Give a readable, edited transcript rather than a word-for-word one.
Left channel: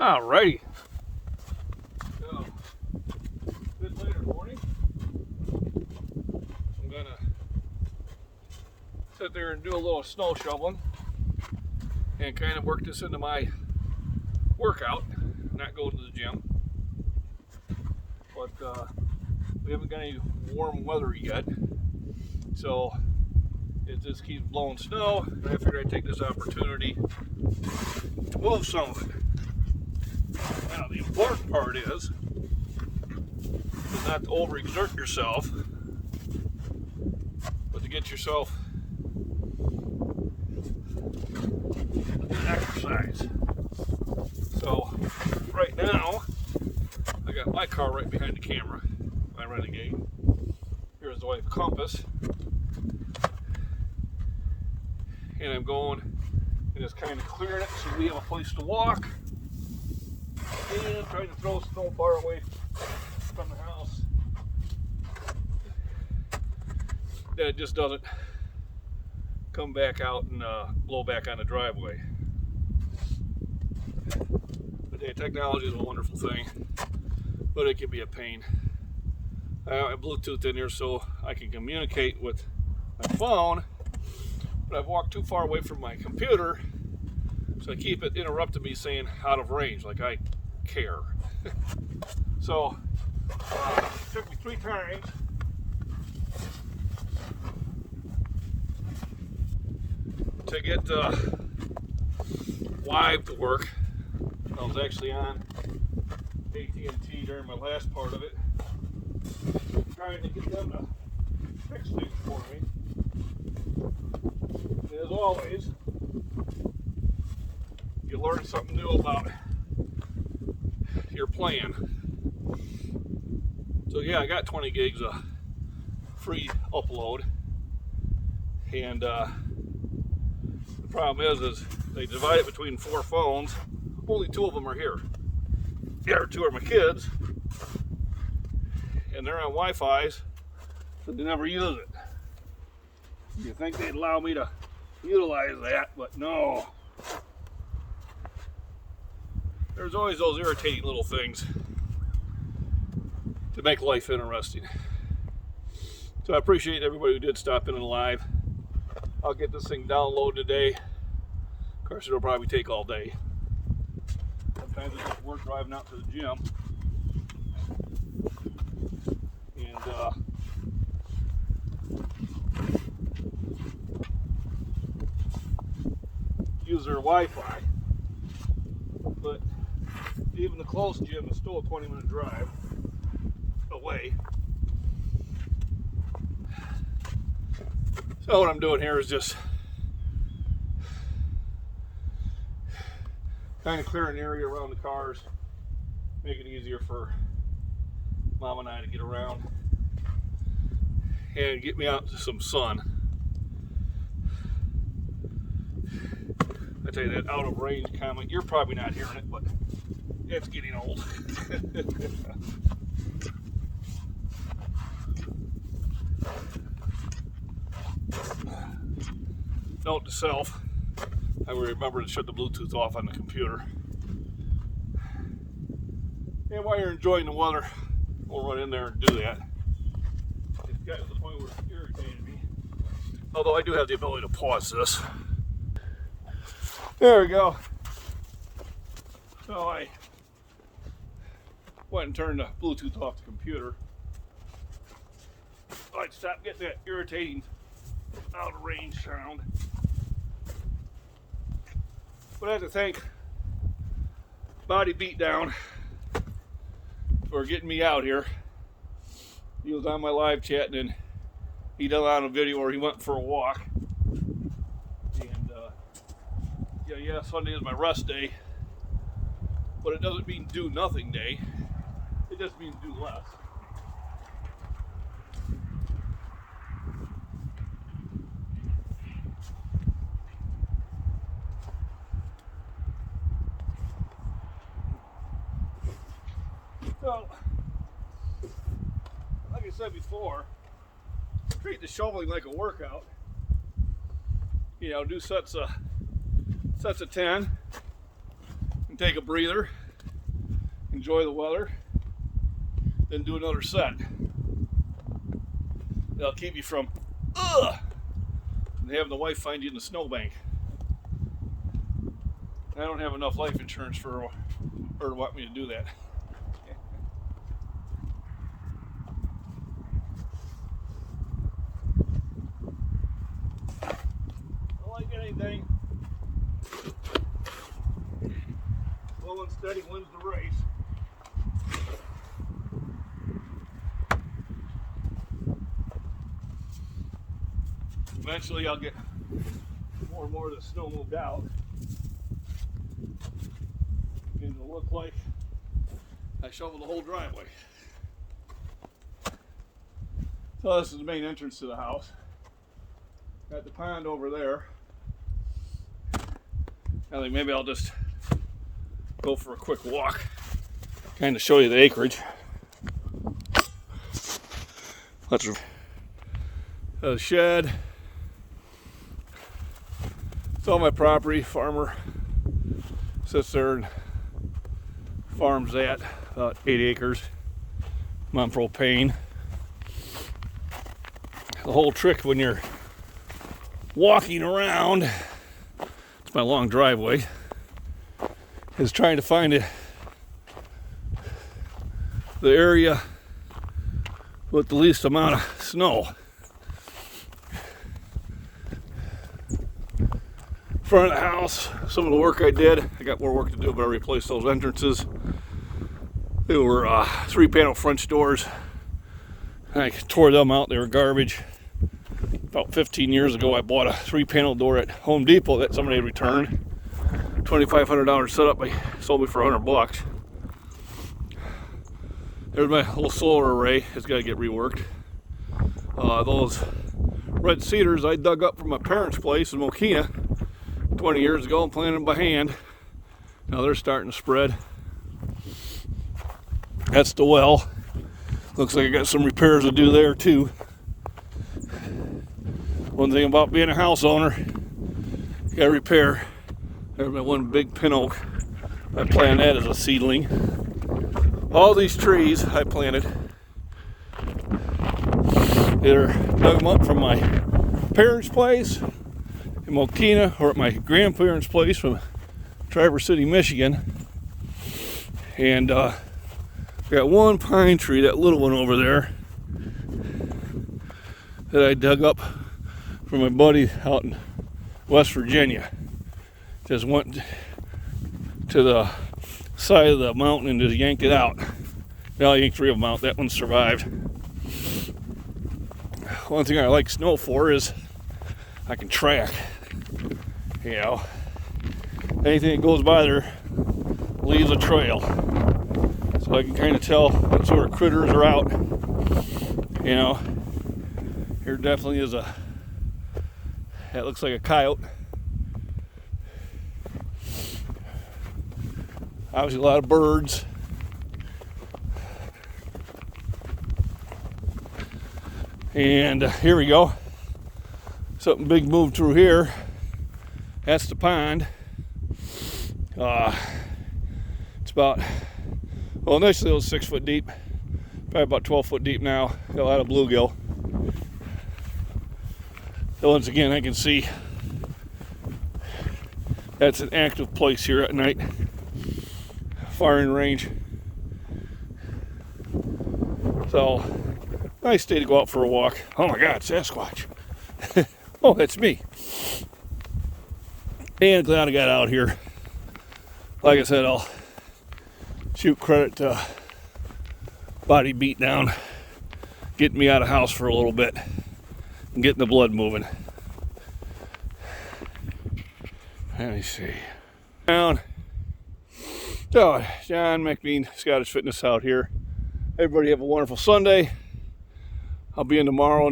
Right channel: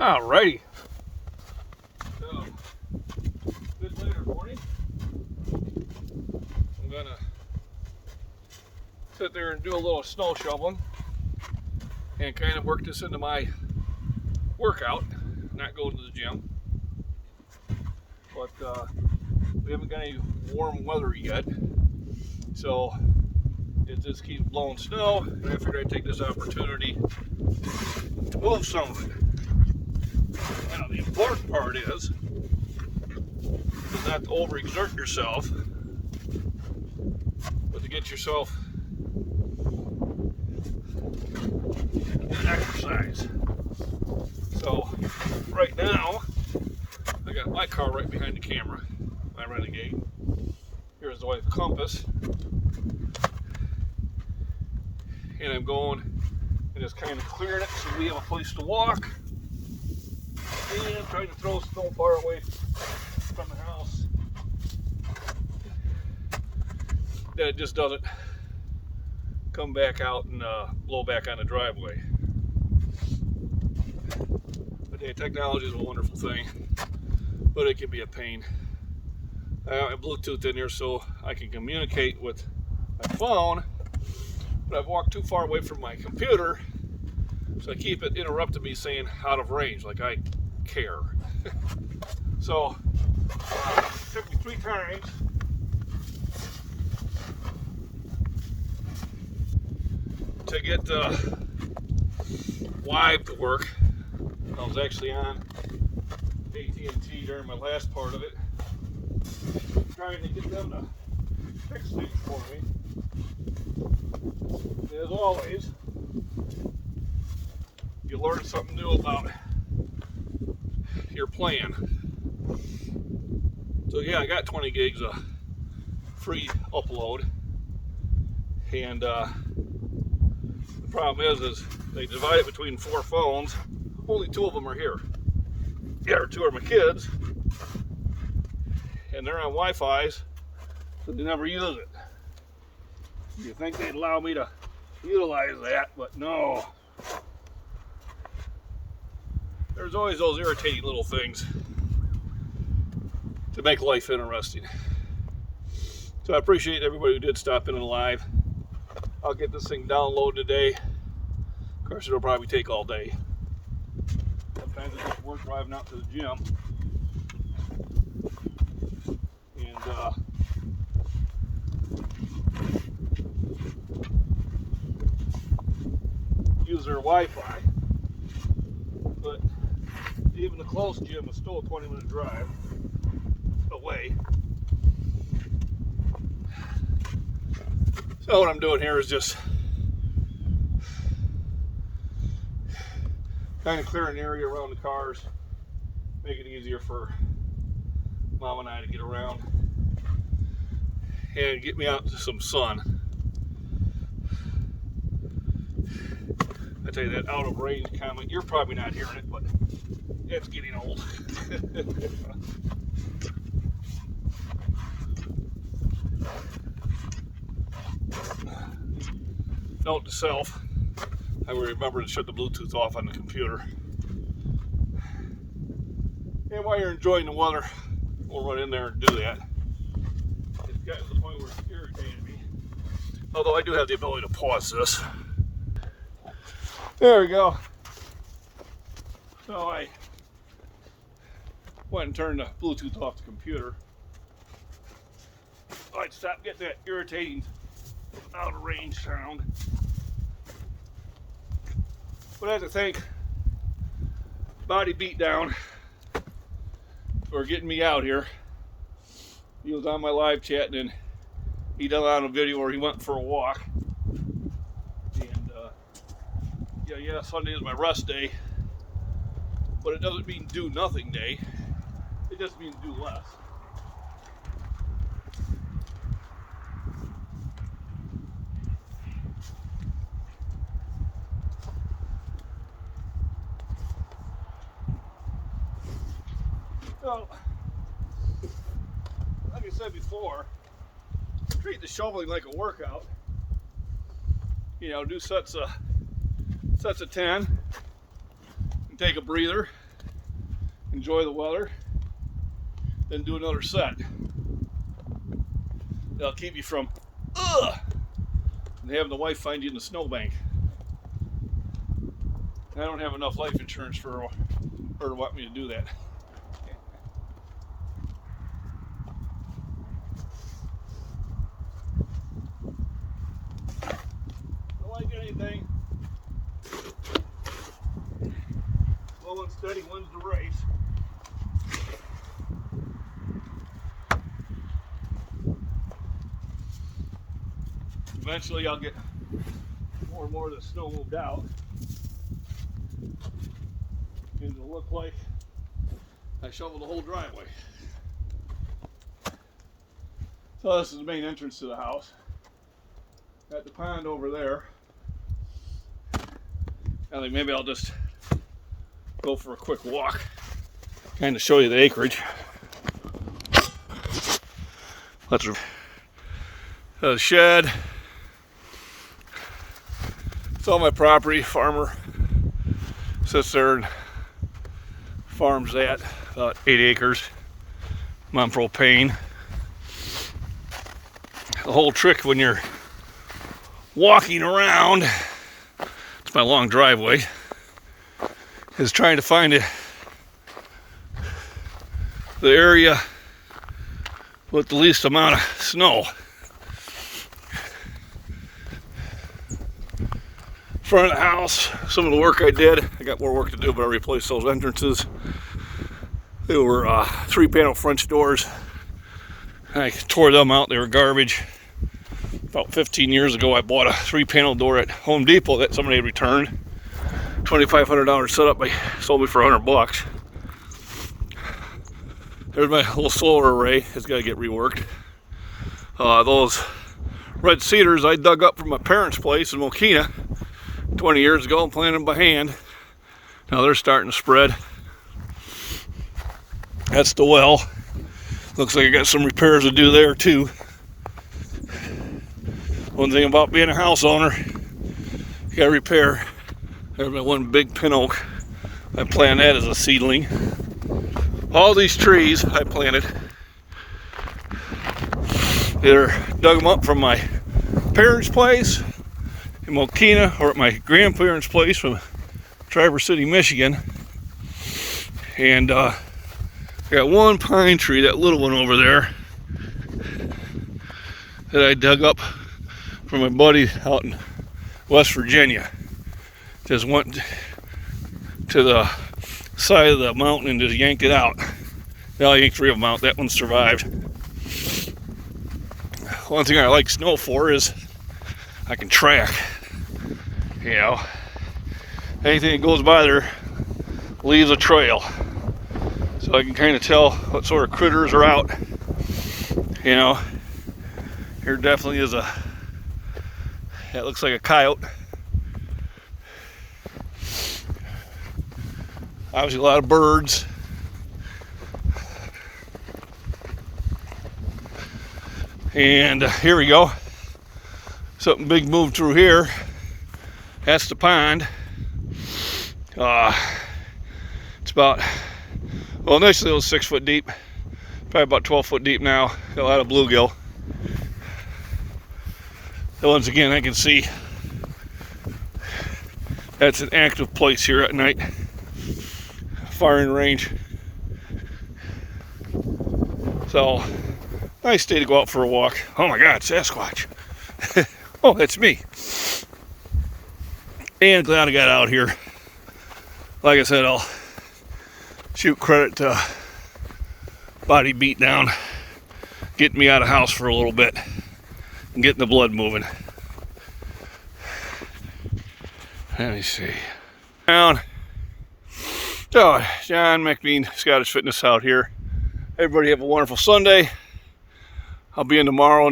Alrighty. So, good later morning. I'm gonna sit there and do a little snow shoveling and kind of work this into my workout, not go to the gym. But we haven't got any warm weather yet, so it just keeps blowing snow, and I figured I'd take this opportunity to move some of it. Now, the important part is not to overexert yourself, but to get yourself an exercise. So, right now, I got my car right behind the camera, my Renegade. Here's the white compass. And I'm going and just kind of clearing it so we have a place to walk. And I'm trying to throw snow far away from the house that it just doesn't come back out and blow back on the driveway. But yeah, technology is a wonderful thing, but it can be a pain. I have Bluetooth in here so I can communicate with my phone, but I've walked too far away from my computer, so I keep it interrupting me saying out of range, like I care. So, it took me 3 times to get Live to work. I was actually on AT&T during my last part of it, trying to get them to fix things for me. As always, you learn something new about your plan. So yeah, I got 20 gigs of free upload, and the problem is they divide it between 4 phones. Only 2 of them are here. The other 2 are my kids, and they're on Wi-Fi's, so they never use it. You think they'd allow me to utilize that, but no. There's always those irritating little things to make life interesting. So I appreciate everybody who did stop in and live. I'll get this thing downloaded today. Of course, it'll probably take all day. Sometimes I just work driving out to the gym. And use their Wi-Fi. But even the close gym is still a 20-minute drive away. So what I'm doing here is just kind of clearing the area around the cars, make it easier for Mom and I to get around and get me out to some sun. I tell you, that out of range comment, you're probably not hearing it, but it's getting old. Note to self, I will remember to shut the Bluetooth off on the computer. And while you're enjoying the weather, we'll run in there and do that. It's gotten to the point where it's irritated me. Although I do have the ability to pause this. There we go. So I went and turned the Bluetooth off the computer. I'd stop getting that irritating out of range sound. But I have to thank Body Beatdown for getting me out here. He was on my live chat, and then he done on a video where he went for a walk. And yeah, Sunday is my rest day, but it doesn't mean do nothing day. It just means do less. So, like I said before, treat the shoveling like a workout. You know, do sets of 10 and take a breather. enjoy the weather, then do another set. That'll keep you from and having the wife find you in the snowbank. I don't have enough life insurance for her to want me to do that. Don't like anything. Slow and steady wins the race. Eventually I'll get more and more of the snow moved out. And it'll look like I shoveled the whole driveway. So this is the main entrance to the house. Got the pond over there. I think maybe I'll just go for a quick walk, kind of show you the acreage. That's a shed. It's all my property. Farmer sits there and farms that, about 8 acres. I'm on propane. The whole trick when you're walking around, it's my long driveway, is trying to find the area with the least amount of snow. Front of the house, some of the work I did, I got more work to do, but I replaced those entrances. They were 3-panel French doors. I tore them out, they were garbage. About 15 years ago, I bought a 3-panel door at Home Depot that somebody had returned. $2,500 setup, they sold me for $100. There's my little solar array, it's got to get reworked. Those red cedars I dug up from my parents' place in Mokina 20 years ago and planted them by hand. Now they're starting to spread. That's the well. Looks like I got some repairs to do there too. One thing about being a house owner, you gotta repair. There's my one big pin oak. I planted that as a seedling. All these trees I planted, either dug them up from my parents' place in Mokina or at my grandparents' place from Traverse City, Michigan. And I got one pine tree, that little one over there, that I dug up from my buddy out in West Virginia. Just went to the side of the mountain and just yanked it out. Now I yanked 3 of them out. That one survived. One thing I like snow for is I can track. You know, anything that goes by there leaves a trail. So I can kind of tell what sort of critters are out. You know, here definitely is that looks like a coyote. Obviously a lot of birds. And here we go. Something big moved through here. That's the pond. It's about, well, initially it was 6 foot deep. Probably about 12 foot deep now. Got a lot of bluegill. And once again, I can see that's an active place here at night. Firing range. So, nice day to go out for a walk. Oh my God, Sasquatch. Oh, that's me. And glad I got out here. Like I said, I'll shoot credit to Body Beat Down, getting me out of the house for a little bit and getting the blood moving. Let me see. Down. So, John McBean, Scottish Fitness out here. Everybody have a wonderful Sunday. I'll be in tomorrow.